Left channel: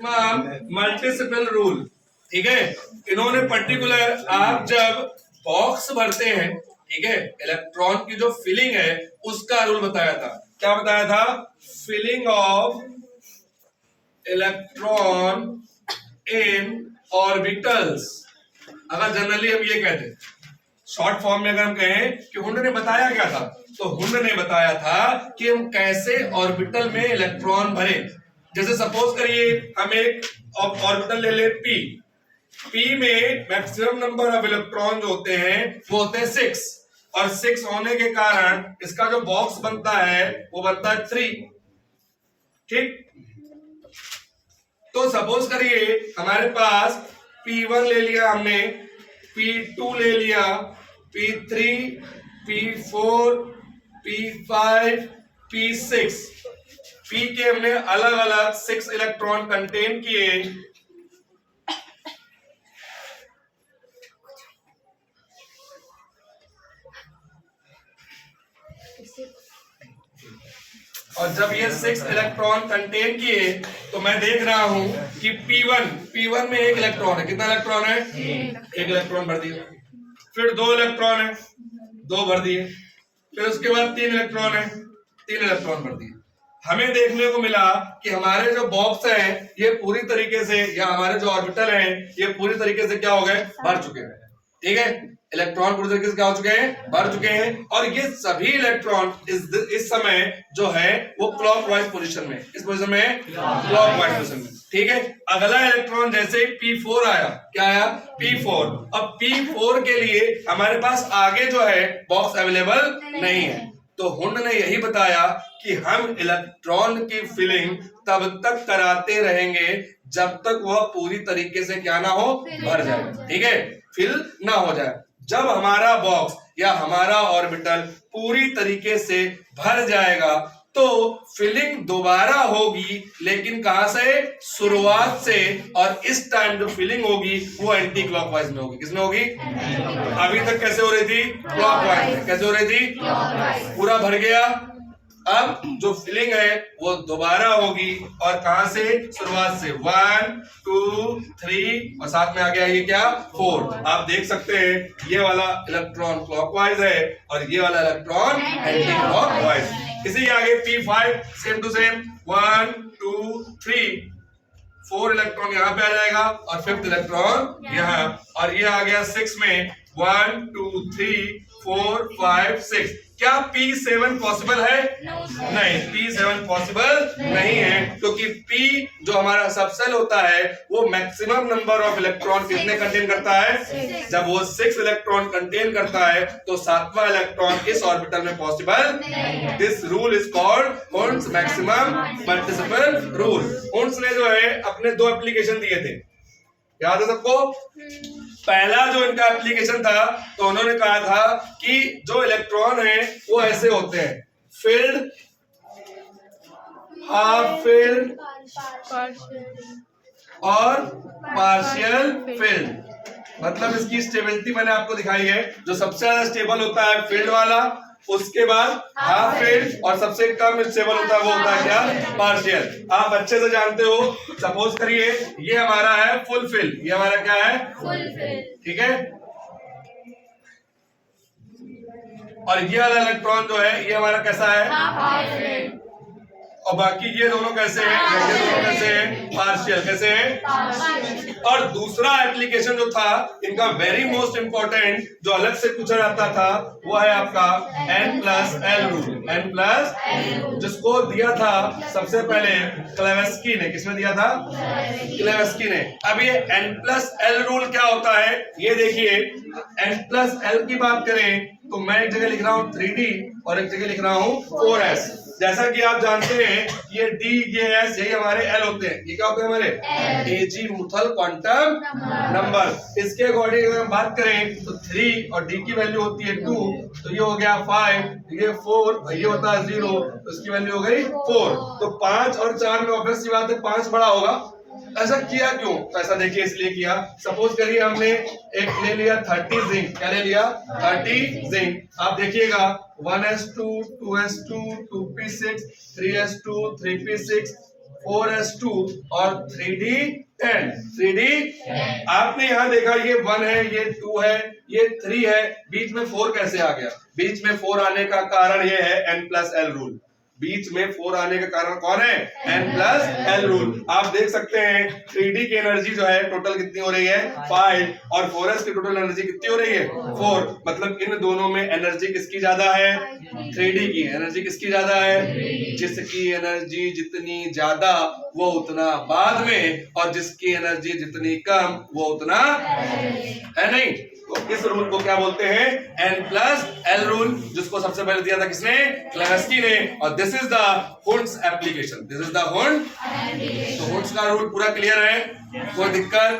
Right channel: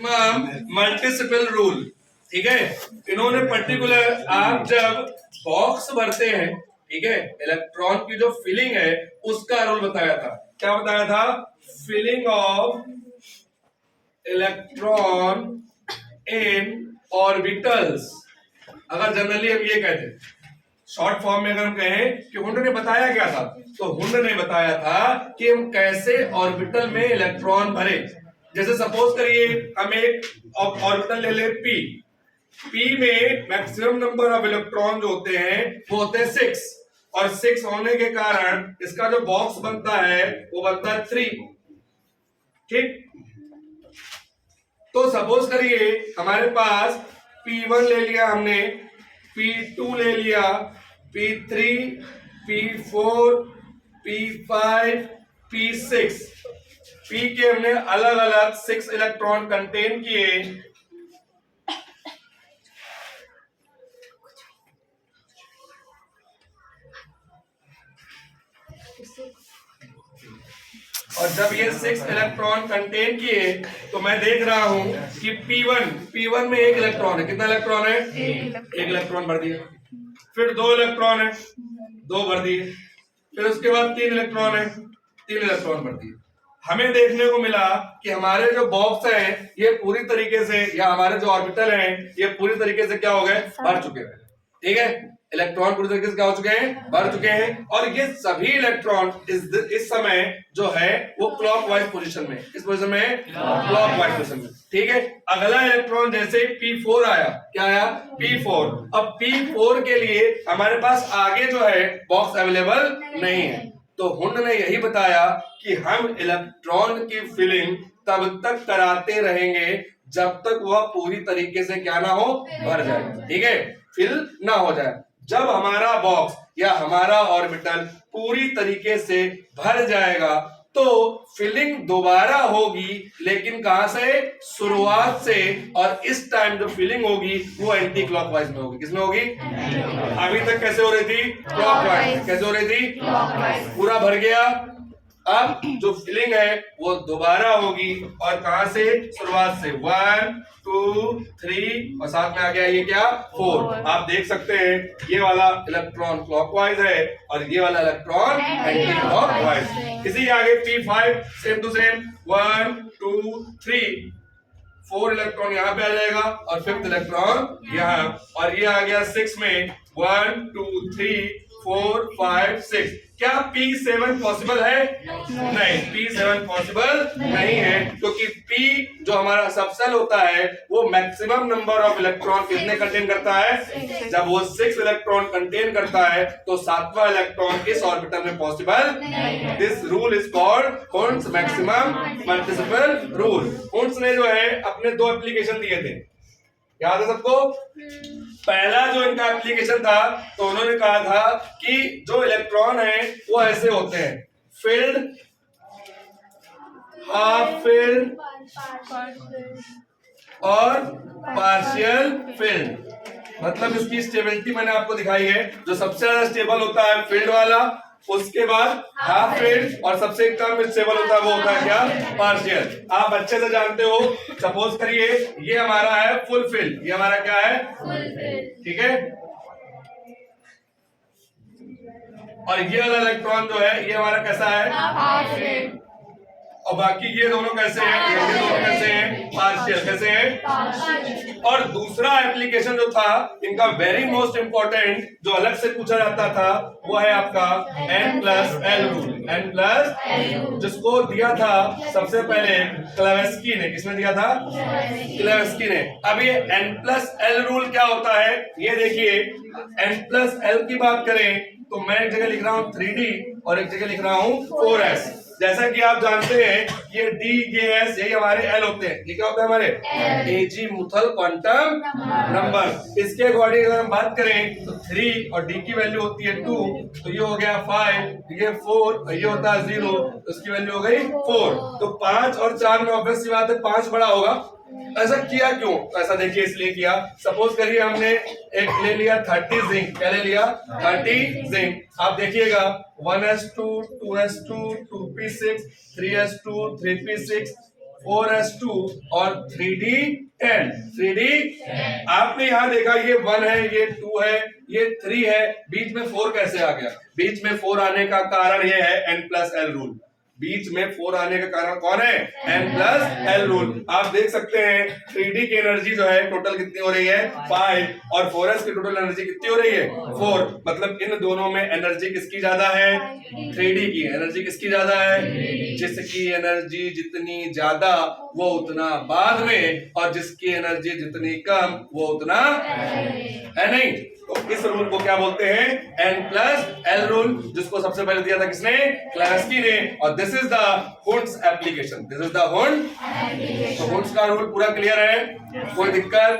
मल्टीसिपल rule, ठीक है। इन्होंने पर्टिकुलर, आप जब बॉक्स भरते हैं, ठीक है, इलेक्ट्रॉन की जो फिलिंग है उसका रूल बताया था। क्या बताया था? Filling of electron in orbitals. अगर जनरली हम ये कहते, शॉर्ट फॉर्म में अगर हम कहें कि हुंड ने बताया क्या था, तो हुंड ने बताया था कि हम कैसे ऑर्बिटल में इलेक्ट्रॉन भरे। जैसे सपोज करिए हम एक ऑर्बिटल ले ले पी में मैक्सिमम नंबर ऑफ इलेक्ट्रॉन जो होते हैं वो होते हैं 6, और 6 होने के कारण इसका जो बॉक्स बनता है वो बनता है 3, ठीक। तो सपोज करिए हमारे पास P1 ले लिया हमने, P2 ले लिया, P3, P4, P5, P6, P के हमने अलग अलग 6 इलेक्ट्रॉन कंटेन किए, और जब ये 6 इलेक्ट्रॉन कंटेन किए तो मैं देख रहा हूं कि P1 में एक इलेक्ट्रॉन है। कितना इलेक्ट्रॉन है? एक इलेक्ट्रॉन भर दिया। फिर 2 इलेक्ट्रॉन है, 2 भर दिए। फिर उसके बाद 3 इलेक्ट्रॉन है, 3 इलेक्ट्रॉन भर दिए। हमें देखने को मिला कि हमारे जो बॉक्स हैं ये पूरी तरीके से, या हमारे जो ऑर्बिटल हैं ये पूरी तरीके से क्या हो गए? भर चुके हैं, ठीक है। इलेक्ट्रॉन पूरी तरीके से क्या हो चुके हैं? भर चुके हैं। और ये सभी इलेक्ट्रॉन इस समय जो है वो क्लॉकवाइज पोजीशन में, इस पोजीशन में क्लॉकवाइज पोजीशन में, ठीक है। अगला इलेक्ट्रॉन जैसे P4 आया, क्या आया? P4। अब P4 के लिए हमारे पास आगे जो है बॉक्स अवेलेबल नहीं है, तो हुंड ने यही बताया कि हम इलेक्ट्रॉन की फिलिंग तब तक कराते रहेंगे जब तक वह पूरी तरीके से क्या ना हो? भर जाए, ठीक है, फिल ना हो जाए। जब हमारा बॉक्स या हमारा ऑर्बिटल पूरी तरीके से भर जाएगा तो फिलिंग दोबारा होगी, लेकिन कहां से? शुरुआत से। और इस टाइम जो फिलिंग होगी वो एंटी क्लॉकवाइज में होगी। किसमें होगी? अभी तक कैसे हो रही थी? क्लॉकवाइज में। कैसे हो रही थी? पूरा भर गया। अब जो फिलिंग है वो दोबारा होगी, और कहां से? शुरुआत से। 1 2 3 और साथ में आ गया ये क्या? 4। आप देख सकते हैं ये वाला इलेक्ट्रॉन क्लॉकवाइज है और ये वाला इलेक्ट्रॉन एंटी क्लॉकवाइज। इसी के आगे P5 same to same, 1 2 3, 4 electron यहाँ पे आ जाएगा और 5th इलेक्ट्रॉन यहाँ, और ये आ गया 6 में, 1 2 3 4 5 6। क्या P7 पॉसिबल है? नहीं, P7 पॉसिबल नहीं है, क्योंकि P जो हमारा सबसेल होता है वो मैक्सिमम नंबर ऑफ इलेक्ट्रॉन कितने कंटेन करता है? जब वो 6 इलेक्ट्रॉन कंटेन करता है तो 7वां इलेक्ट्रॉन इस ऑर्बिटल में possible. This rule is called Hund's maximum multiplicity rule. Hund's ने जो है अपने 2 एप्लीकेशन दिए थे, याद है सबको? पहला जो इनका एप्लीकेशन था तो उन्होंने कहा था कि जो इलेक्ट्रॉन है वो ऐसे होते हैं, फिल्ड, हाफ फिल्ड और पार्शियल फिल्ड। मतलब इसकी स्टेबिलिटी मैंने आपको दिखाई है, जो सबसे ज्यादा स्टेबल होता है फील्ड वाला, उसके बाद हाफ फील्ड, और सबसे कम स्टेबल होता है वो होता है क्या? पार्शियल। आप अच्छे से जानते हो। सपोज करिए ये हमारा है फुल फील्ड, ये हमारा क्या है? फुल फील्ड, ठीक है। और ये वाला इलेक्ट्रॉन जो है ये हमारा कैसा है? Half field. और बाकी ये दोनों कैसे हैं? ये दोनों कैसे हैं? पार्शियल। कैसे हैं? और दूसरा एप्लीकेशन जो था इनका वेरी मोस्ट इंपॉर्टेंट, जो अलग से पूछा जाता था, वो है आपका N+L रूल। N+L, जिसको दिया था सबसे पहले क्लेवेस्की ने। किसने दिया था? क्लेवेस्की ने। अब ये N+L रूल क्या होता है ये देखिए। N+L की बात करें तो मैं एक जगह लिख रहा हूं 3D और एक जगह लिख रहा हूं 4S। जैसा कि आप जानते हैं ये D, ये S, यही हमारे L होते हैं। ये क्या होते हैं हमारे? Azimuthal quantum number. इसके अकॉर्डिंग अगर हम बात करें तो 3 और D की वैल्यू होती है 2, तो ये हो गया 5, ये 4 और ये होता है 0, तो इसकी वैल्यू हो गई 4। तो 5 और 4 में ऑब्वियस सी बात है 5 बड़ा होगा। ऐसा किया क्यों? तो ऐसा देखिए इसलिए किया। सपोज करिए हमने एक ले लिया 30 जिंक। क्या ले लिया? 30 जिंक। आप देखिएगा 1s2 2s2 2p6 3s2 3p6 4s2 और 3d10 3d। आपने यहाँ देखा ये 1 है, ये 2 है, ये 3 है, बीच में 4 कैसे आ गया? बीच में 4 आने का कारण ये है n+l रूल। बीच में 4 आने का कारण कौन है? n+l rule. आप देख सकते हैं 3d की एनर्जी जो है टोटल कितनी हो रही है? 5, और 4s की टोटल एनर्जी कितनी हो रही है? 4। मतलब इन दोनों में एनर्जी किसकी ज्यादा है? 3d की एनर्जी किसकी ज्यादा है? जिसकी एनर्जी जितनी ज्यादा वो उतना बाद में, और जिसकी एनर्जी जितनी कम वो उतना है नहीं। तो इस रूल को क्या बोलते हैं? n+l रूल, जिसको सबसे पहले दिया था किसने? क्लेवेस्की ने। और this is the Hund's application, this is the Hund. तो हुंड्स का रूल पूरा क्लियर है? कोई दिक्कत?